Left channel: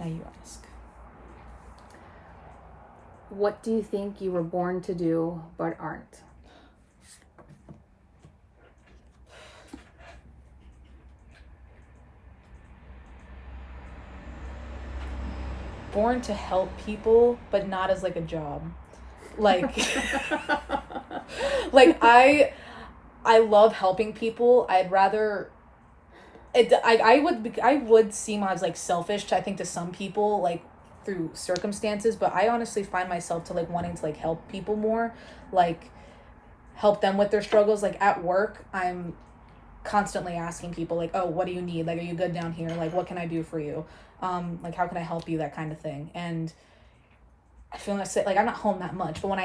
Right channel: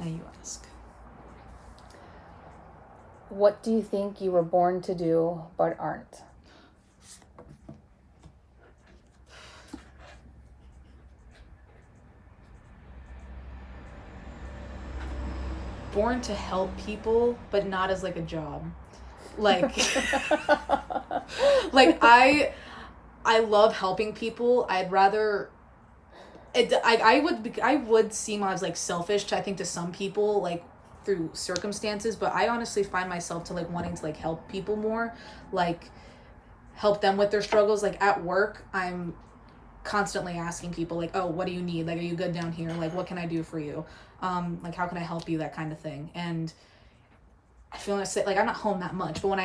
Now you ask. What do you think you were born to do but aren't? Born to help people, but not as like a job. Like, like I love helping people. I'd rather. I would seem as like selfish, I think, to some people, like through circumstances, but I honestly find myself to like wanting to like help people more, like help them with their struggles. Like at work, I'm constantly asking people like, oh, what do you need? Like, are you good down here? Like, what can I do for you? Like, how can I help you? That kind of thing. And I feel like I'm not home that much, but when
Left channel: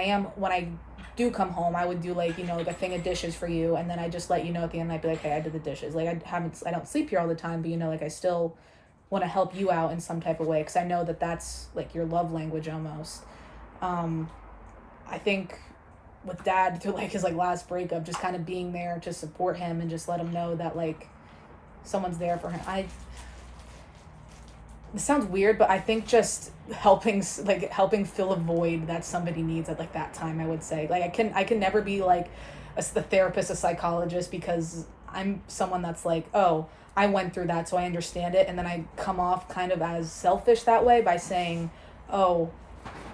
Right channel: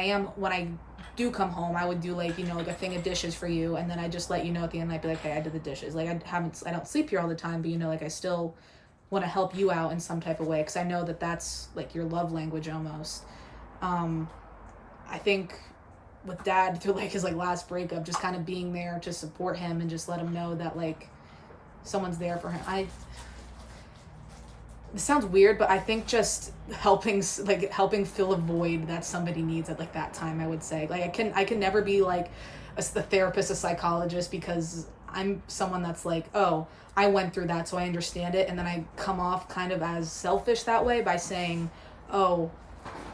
I do come home, I would do like, like a thing of dishes for you, and then I just let you know at the end. I'd be like, hey, I did the dishes. Like I don't sleep here all the time, but like I still want to help you out in some type of way, because I know that that's like your love language almost. I think with Dad, through like his like last breakup, just kind of being there to support him and just let him know that like someone's there for him. It sounds weird, but I think just helping fill a void that somebody needs at like that time, I would say. Like I can never be like a therapist, a psychologist, because I'm someone that's like, oh, I went through that, so I understand it, and then I come off kind of as selfish that way by saying, oh,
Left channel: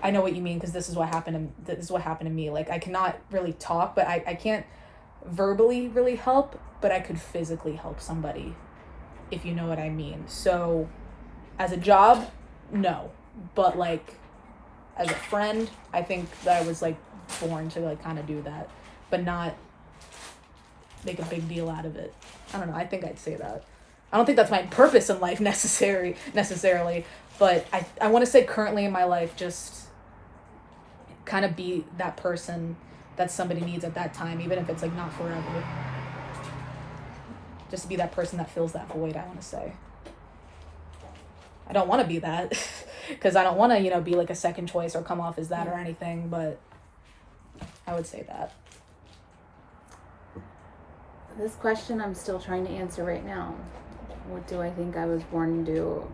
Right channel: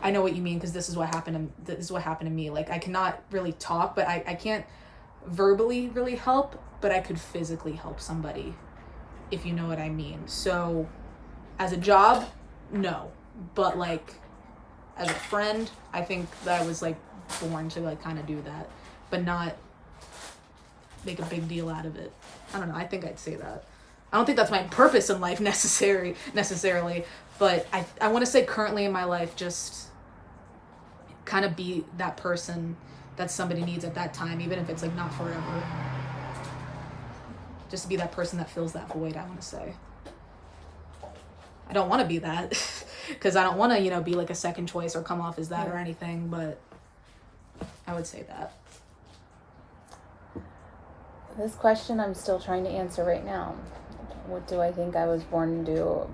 I know what you mean, because this is what happened to me. Like I cannot really talk, but I can't verbally really help, but I could physically help somebody, if you know what I mean. So as a job, no. But like as a friend, I think that I was like born to like kind of do that, but not make a big deal out of it. I don't know. I think I'd say that. I don't think that's my purpose in life necessarily, but I want to say currently in my life, just kind of be that person that somebody needs at that time, even if it's like not forever. Just to be that person that fills that void, I want to say. I don't want to be that, because I don't want to, be like a second choice or come off as that or anything, but I would say that. This question I'm still trying to answer right now. What do I think I was born to do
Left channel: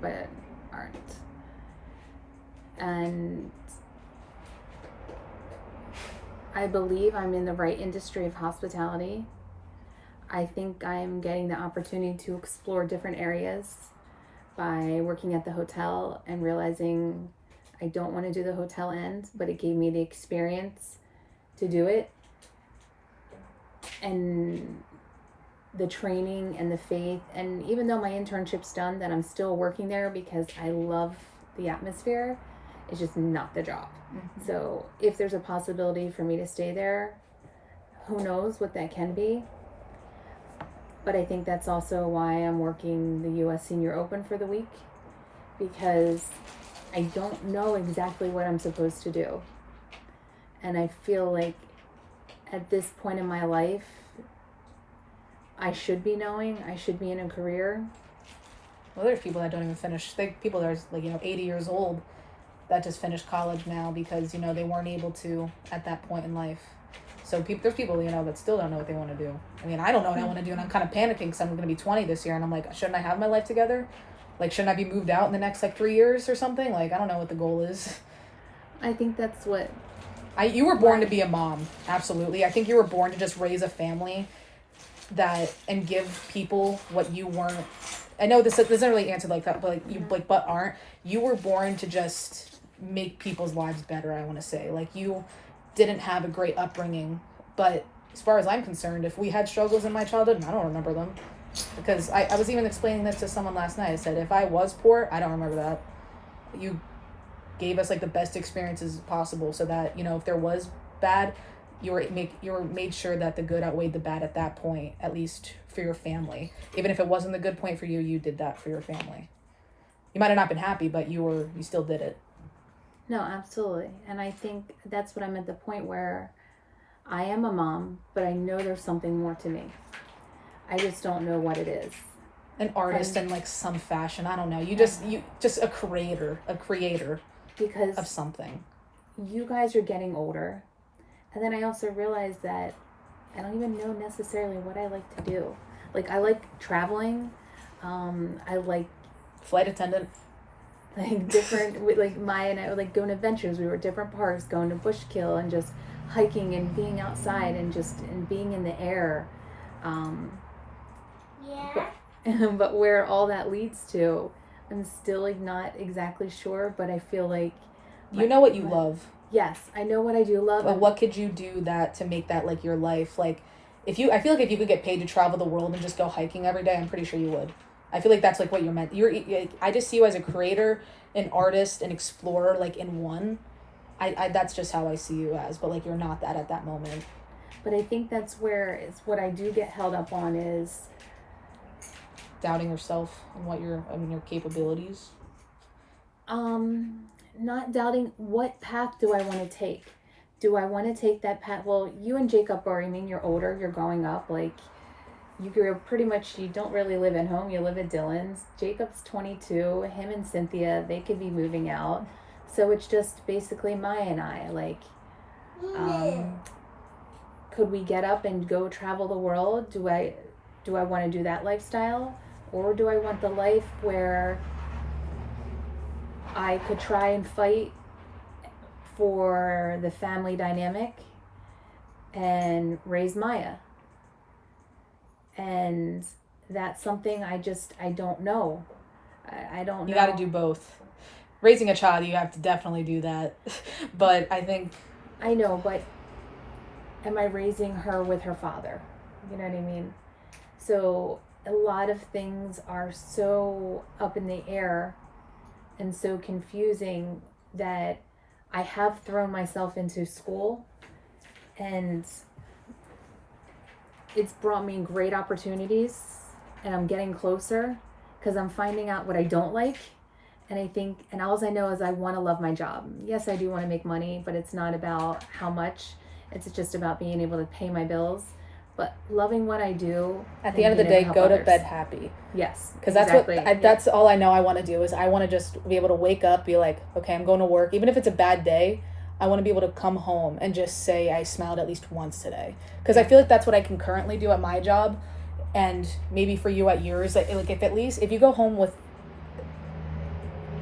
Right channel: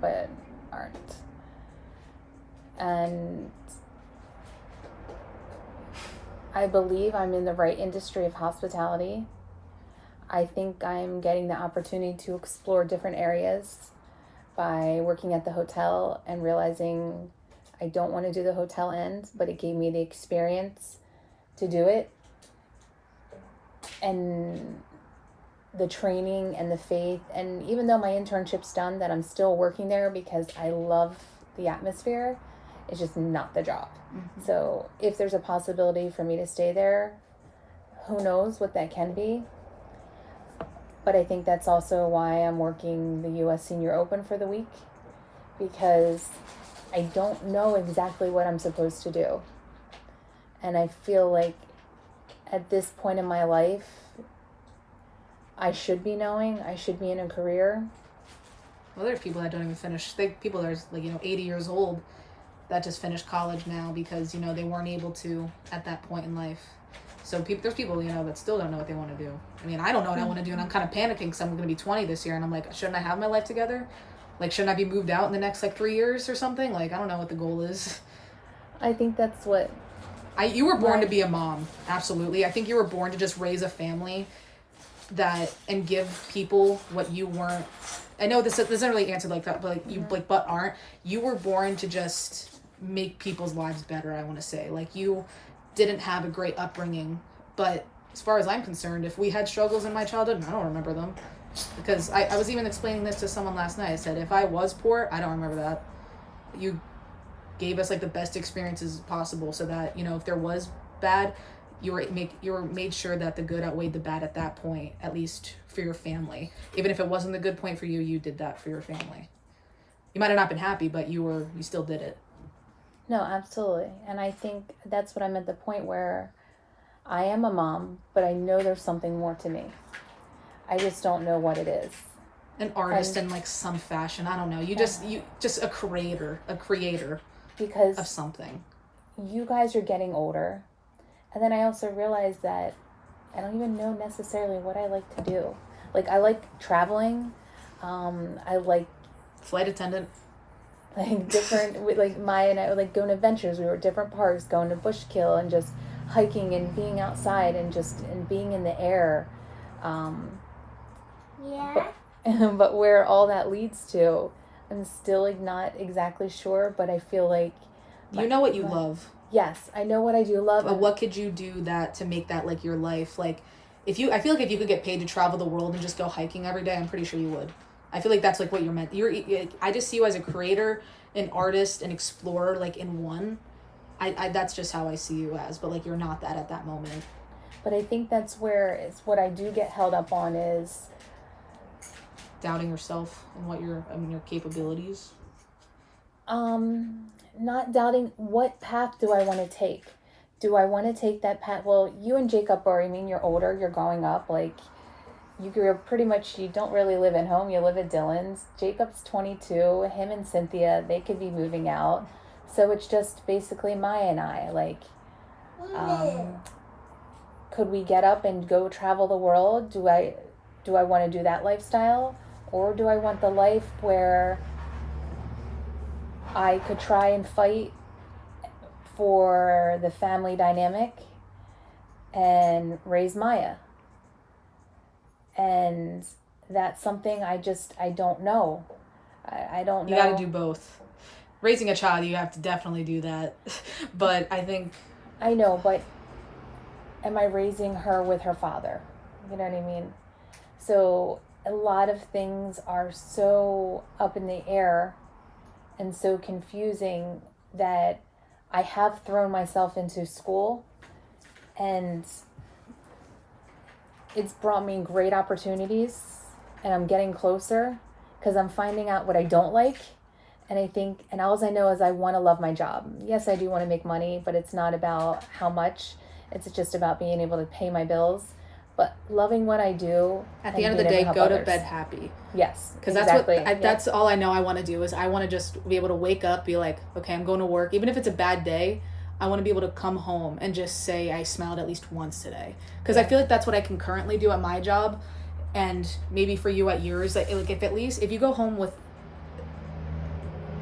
but aren't? And I believe I'm in the right industry of hospitality. I think I'm getting the opportunity to explore different areas by working at the hotel and realizing I don't want to do the hotel end, but it gave me the experience to do it. And the training and the faith, and even though my internship's done, that I'm still working there because I love the atmosphere. It's just not the job. Mm-hmm. So if there's a possibility for me to stay there, who knows what that can be. But I think that's also why I'm working the U.S. Senior Open for the week, because I don't know exactly what I'm supposed to do. And I feel like at this point in my life, I should be knowing. I should be in a career. Well, there's people that don't even finish. People that are like 80 years old that just finished college now because they weren't able to at that point in life. So there's people that still don't know what they want to do. I mean, I don't know what I want to do, and I'm kind of panicking because I'm going to be 20 this year, and I'm like, shouldn't I have my life together? Like, shouldn't I be moved out in the next 3 years or something? Like, I don't know what the goal is. I think that's what. You were born to be a mom, absolutely. I think you were born to just raise a family and give people what you weren't. I know this doesn't really answer like that, but but aren't. You were born to just make people's lives better, I want to say. Like, you didn't have a great upbringing, but as far as I'm concerned, if we had struggles in my childhood, I don't remember them, because I was even explaining this to someone last night. I said, if I was poor, I don't remember that. You gave us the best experiences possible, so that if there was bad, you were made sure that the good outweighed the bad at that point, at least for your family. Even if it wasn't the good point for you, you did that for your family. You might have not been happy, but you still did it. No, absolutely. And I think that's what I'm at the point where I am a mom, but I know there's something more to me. I just don't know what it is. An artist in some fashion. I don't know. You just a creator because of something. You guys are getting older. And then I also realized that I don't even know necessarily what I like to do. Like, I like traveling. I like flight attendant. like different, like Maya and I would like go on adventures. We were at different parks, going to Bushkill and just hiking and being outside and just and being in the air. Yeah. But where all that leads to, I'm still like not exactly sure, but I feel like You know what you love. yes, I know what I do love. But what could you do that to make that like your life? Like I feel like if you could get paid to travel the world and just go hiking every day, I'm pretty sure you would. I feel like that's like what you're meant. I just see you as a creator, an artist, an explorer, like in one. I that's just how I see you as, but like you're not that at that moment. But I think that's where it's what I do get held up on is Doubting yourself and your capabilities. Not doubting what path do I want to take. Do I want to take that path? Well, you and Jacob are, I mean, you're older, you're growing up, like you're pretty much, you don't really live at home, you live at Dylan's. Jacob's 22, him and Cynthia, they could be moving out. So it's just basically Maya and I, like, could we get up and go travel the world? Do I want to do that lifestyle? Or do I want the life where I could try and fight for the family dynamic and raise Maya? And that's something I don't know. I don't know. You got to do both. Raising a child, you have to definitely do that. But I think... I know, but am I raising her with her father? You know what I mean? So a lot of things are so up in the air and so confusing that I have thrown myself into school, and it's brought me great opportunities, and I'm getting closer because I'm finding out what I don't like. And I think, and all I know is I want to love my job. Yes, I do want to make money, but it's not about how much. It's just about being able to pay my bills. But loving what I do. At the end of the day, go to bed happy. Yes. Because that's all I know I want to do is I want to just be able to wake up, be like, okay, I'm going to work. Even if it's a bad day, I want to be able to come home and just say I smiled at least once today. Because I feel like that's what I can currently do at my job. And maybe for you at yours, like if you go home with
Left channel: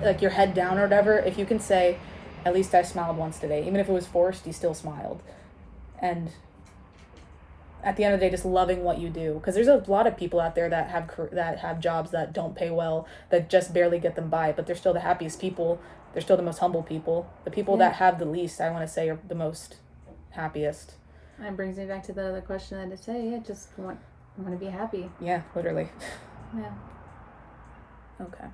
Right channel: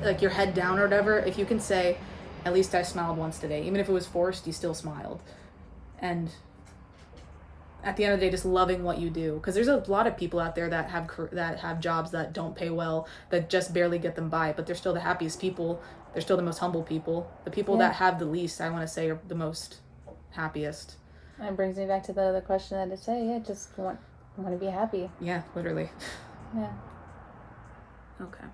like your head down or whatever, if you can say, at least I smiled once today. Even if it was forced, you still smiled. And at the end of the day, just loving what you do, because there's a lot of people out there that have jobs that don't pay well, that just barely get them by, but they're still the happiest people. They're still the most humble people. The people that have the least, I want to say, are the most happiest. That brings me back to the other question that I say. Yeah, just want to be happy. Yeah, literally. Yeah. Okay.